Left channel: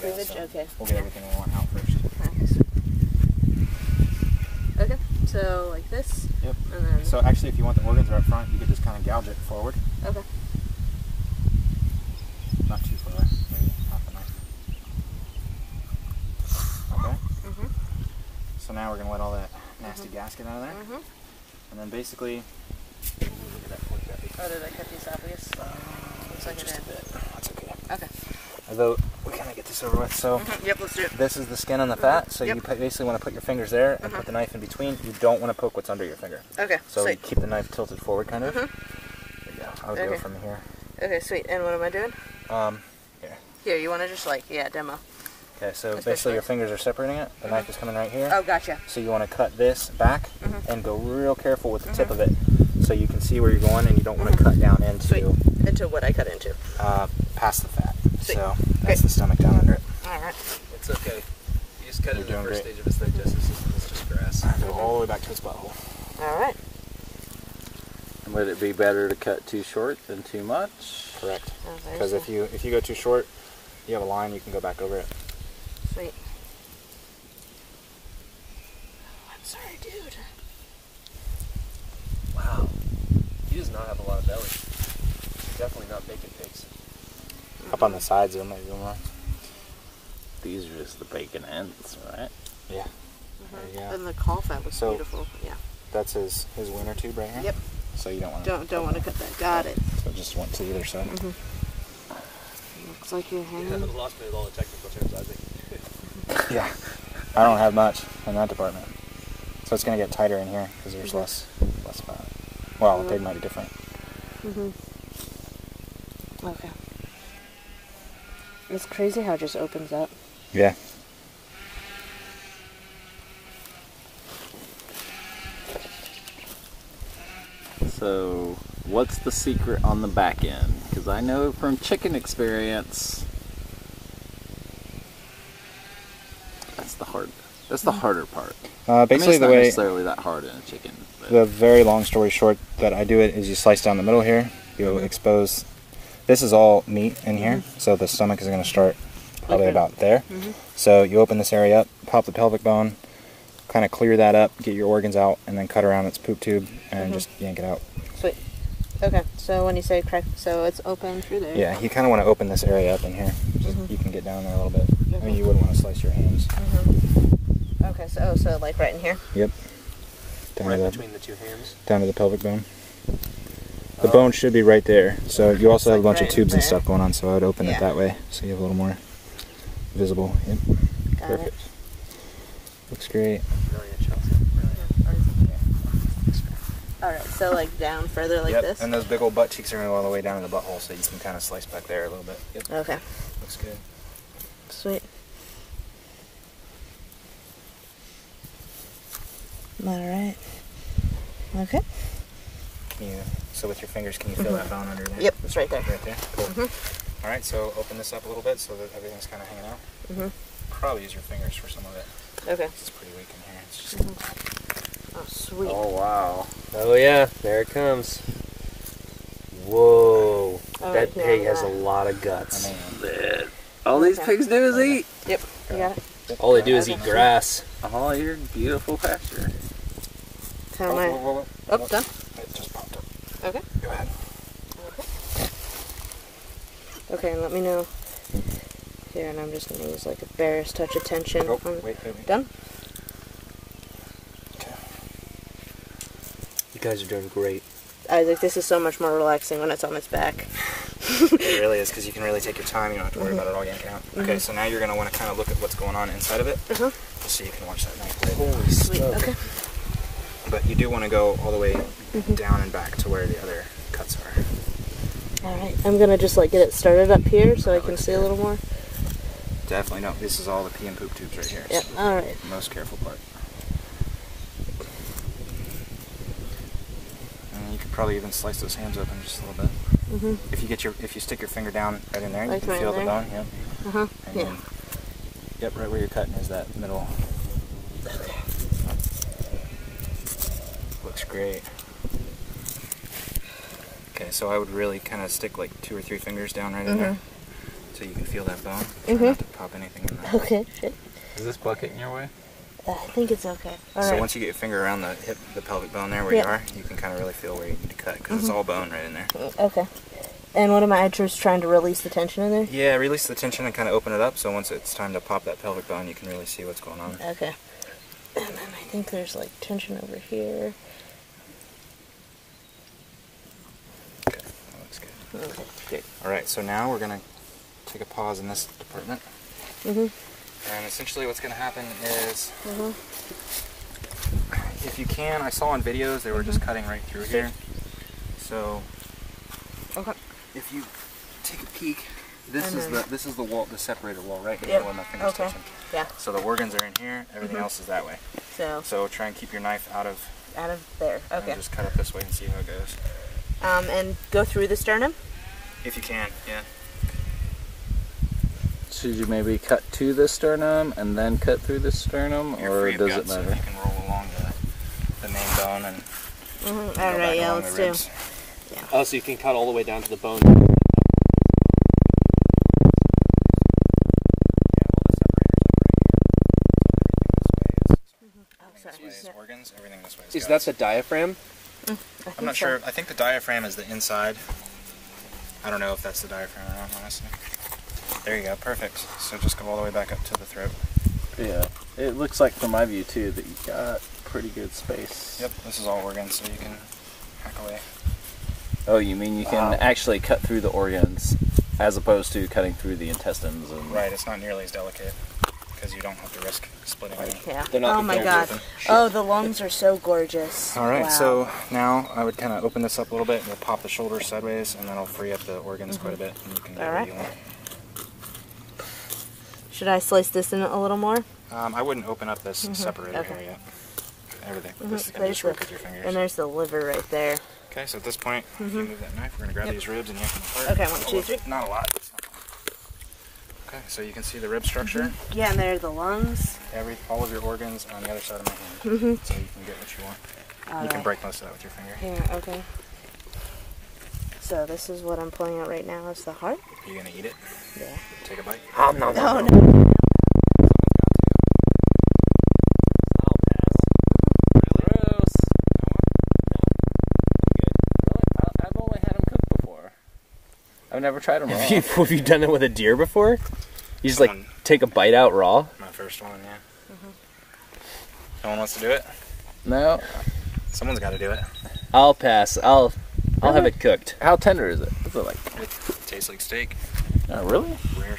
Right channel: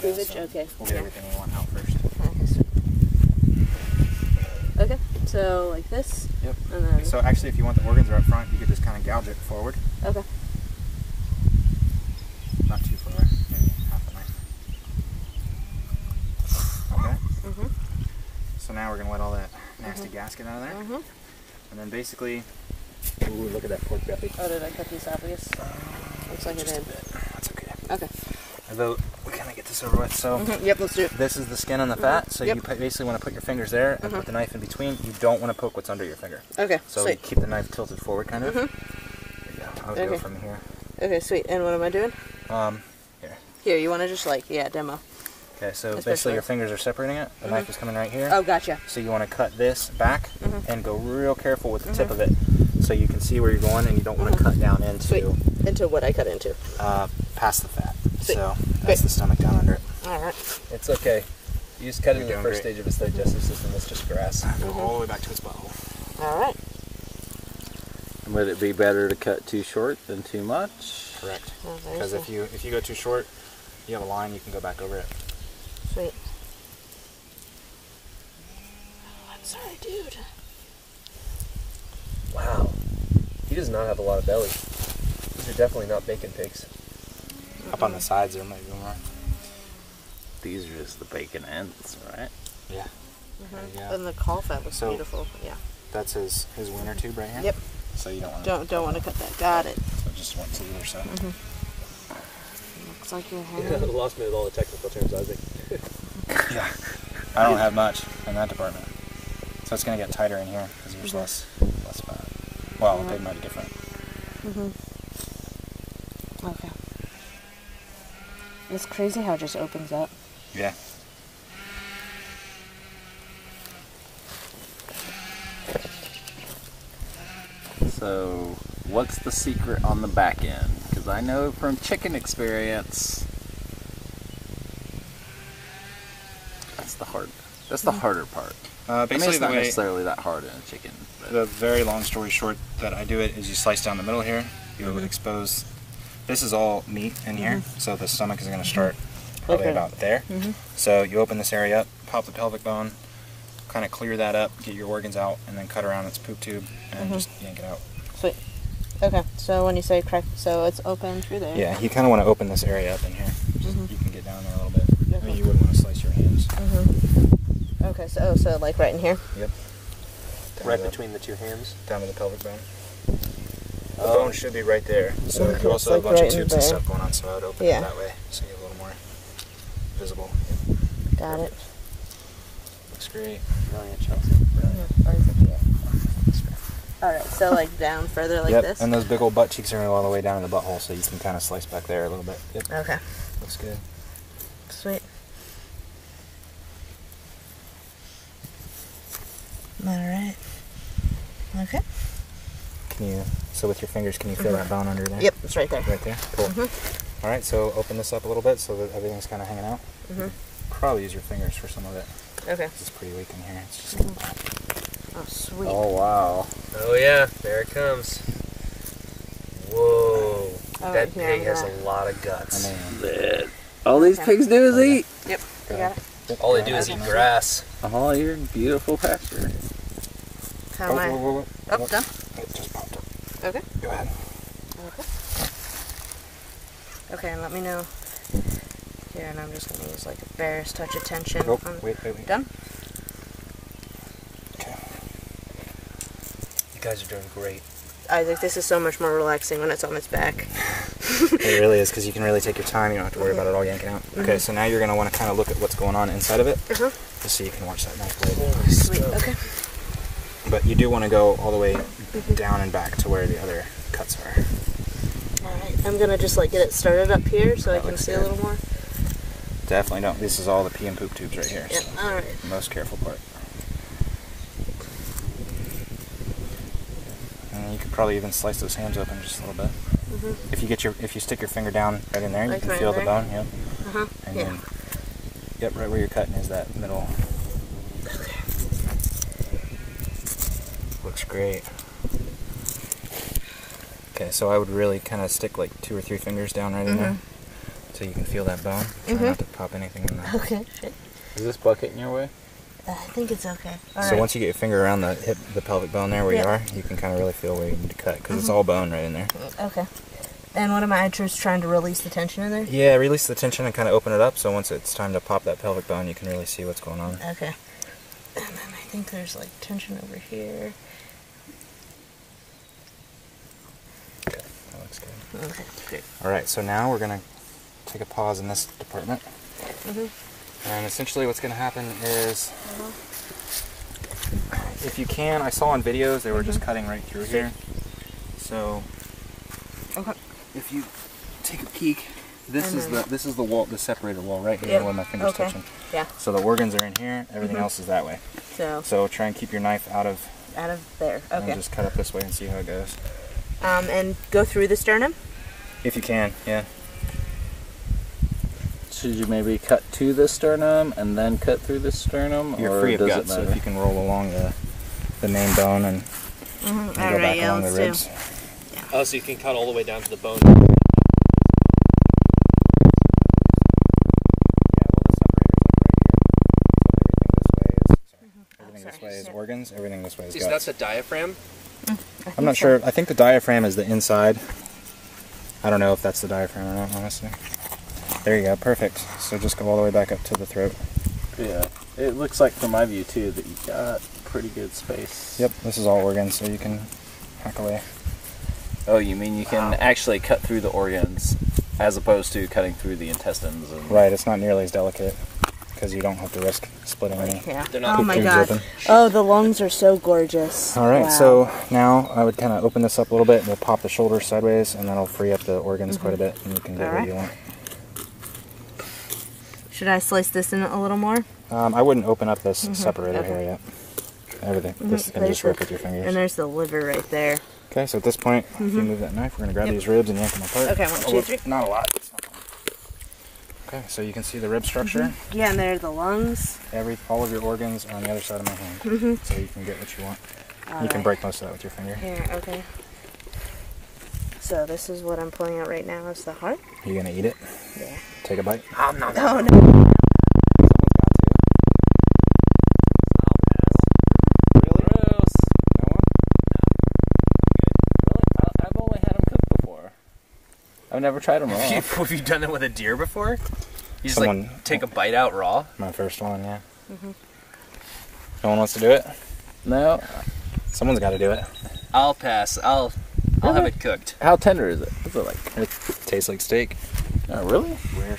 Cleavage? So okay. we'll get everything we want out first. Okay, so like this. Yep. And then. So actually, if you want the organs are up front, you could just kind of gouge it forward. Okay. Not too far, maybe half a knife. Okay. Mhm. So now we're gonna let all that nasty gas get out of there. Mhm. And then basically, ooh, look at that pork belly. Oh, did I cut the esophagus? Looks like it Just did. a bit. That's okay. Okay. I vote we kind of get this over with. So Yep, let's do it. this is the skin on the fat. So Yep. you basically want to put your fingers there and put the knife in between. You don't want to poke what's under your finger. Okay. So sweet. keep the knife tilted forward, kind of. There you go. I would go from here. Okay, sweet. And what am I doing? Here. Here, you want to just like, demo. Okay, so basically your fingers are separating it. The knife is coming right here. Oh, gotcha. So you want to cut this back and go real careful with the tip of it, so you can see where you're going, and you don't want to cut down into into what I cut into. Past the fat. Sweet. So that's the stomach down under it. All right. It's okay. You just cut it in the doing first great. stage of its digestive system. It's just grass. Go all the way back to its butthole. All right. And would it be better to cut too short than too much? Correct. Oh, Because if you go too short, you have a line, you can go back over it. Sweet. Oh, I'm sorry, dude. Wow. He does not have a lot of belly. These are definitely not bacon pigs. Up on the sides there might be more. These are just the bacon ends, right? Yeah. There you go. And the caul fat looks beautiful. Yeah. That's his wiener tube right here. Yep. So you don't want to Don't want to cut that. Got it. So just went to either side. Looks like you're You hanging. lost me with all the technical terms, Isaac. Yeah. I don't have much in that department. So it's going to get tighter in here because there's less fat. Well, they might be different. Okay. It's crazy how it just opens up. Yeah. So, what's the secret on the back end? Because I know from chicken experience, that's the harder part. Basically, it's not necessarily that hard in a chicken. But the very long story short that I do it is you slice down the middle here. You expose. This is all meat in here, so the stomach is going to start probably about there. So you open this area up, pop the pelvic bone, kind of clear that up, get your organs out, and then cut around its poop tube and just yank it out. Sweet. Okay, so when you say crack, so it's open through there. Yeah, you kind of want to open this area up in here. You can get down there a little bit. I mean, you would want to slice your hands. Okay, so like right in here. Yep. Right between the two hams. Down to the pelvic bone. The bone should be right there. So you also have a bunch of tubes and stuff going on, so I would open it that way so you have a little more visible. Yep. Got it. Looks great. Alright, so like down further like Yep, this? and those big old butt cheeks are going to go all the way down to the butthole, so you can kind of slice back there a little bit. Yep. Okay. Looks good. Sweet. Alright. Okay. So with your fingers, can you feel that bone under there? Yep, it's right there. Right there? Cool. Alright, so open this up a little bit so that everything's kind of hanging out. Probably use your fingers for some of it. Okay. It's pretty weak in here. It's just Oh, sweet. oh wow! Oh yeah, there it comes. Whoa. Oh, That yeah, pig has yeah. a lot of guts. Man. All these pigs do is eat. Yep, you got it. All they do is eat grass. Oh, you're in beautiful pasture. How am I? Oh, done? It just popped up. Okay. Go ahead. Okay. Okay, and let me know. Here, and I'm just going to use like a barest touch of tension. Oh, wait. Done? Okay. You guys are doing great. Isaac, this is so much more relaxing when it's on its back. It really is, because you can really take your time. You don't have to worry about it all yanking out. Okay, so now you're going to want to kind of look at what's going on inside of it, just so you can watch that knife blade. Holy Sweet, stuff. okay. But you do want to go all the way down and back to where the other cuts are. Alright, I'm going to just like get it started up here so I can see a little more. Definitely don't. This is all the pee and poop tubes right here. Yep, So alright. the most careful part. And you could probably even slice those hams open just a little bit. If you stick your finger down right in there, you Like can right feel the there? bone. Yep. And Yeah. then, yep, right where you're cutting is that middle. Looks great. Okay, so I would really kind of stick like 2 or 3 fingers down right in there so you can feel that bone. Try not to pop anything in there. Okay, shit. Is this bucket in your way? I think it's okay. So once you get your finger around the hip, the pelvic bone there where you are, you can kind of really feel where you need to cut, because it's all bone right in there. Okay. And what am I just trying to release the tension in there? Yeah, release the tension and kind of open it up, so once it's time to pop that pelvic bone, you can really see what's going on. Okay. And then I think there's like tension over here. Okay, that looks good. Okay, good. Alright, so now we're going to take a pause in this department. And essentially what's going to happen is, if you can, I saw on videos they were just cutting right through here. So, if you take a peek, this is the wall, the separated wall right here where my finger's touching. Yeah. So the organs are in here, everything else is that way. So try and keep your knife out of there. Okay. And just cut up this way and see how it goes. And go through the sternum? If you can, yeah. Should you maybe cut to the sternum and then cut through the sternum, You're free of does guts, it matter? so if you can roll along the main bone and go back along the ribs. Yeah. Oh, so you can cut all the way down to the bone. Everything this way is organs, everything this way is Is guts. that the diaphragm? I'm not sure. I think the diaphragm is the inside. I don't know if that's the diaphragm or not, honestly. There you go, perfect. So just go all the way back up to the throat. Yeah, it looks like from my view too that you got pretty good space. Yep, this is all organs, so you can hack away. Oh, you mean you can actually cut through the organs as opposed to cutting through the intestines? And... Right, it's not nearly as delicate because you don't have to risk splitting any. Yeah. They're not Oh my god. Oh, the lungs are so gorgeous. Alright, so now I would kind of open this up a little bit. We'll pop the shoulders sideways, and then I'll free up the organs quite a bit, and you can go where you want. Should I slice this in a little more? I wouldn't open up this separated area yet. Everything. This is going to just rip with your fingers. And there's the liver right there. Okay, so at this point, if you move that knife, we're going to grab these ribs and yank them apart. Okay, 1, 2, 3. Not a lot. Okay, so you can see the rib structure. Yeah, and there are the lungs. All of your organs are on the other side of my hand, so you can get what you want. You can break most of that with your finger. Yeah, okay. So this is what I'm pulling out right now is the heart. You going to eat it? Yeah. Take a bite? Oh, no. I've only had them cooked before. I've never tried them raw. Have you done it with a deer before? You just like take a bite out raw? My first one, yeah. No one wants to do it? No. Someone's got to do it. I'll pass. I'll have it cooked. How tender is it? What's it like? It tastes like steak. Oh, really? Rare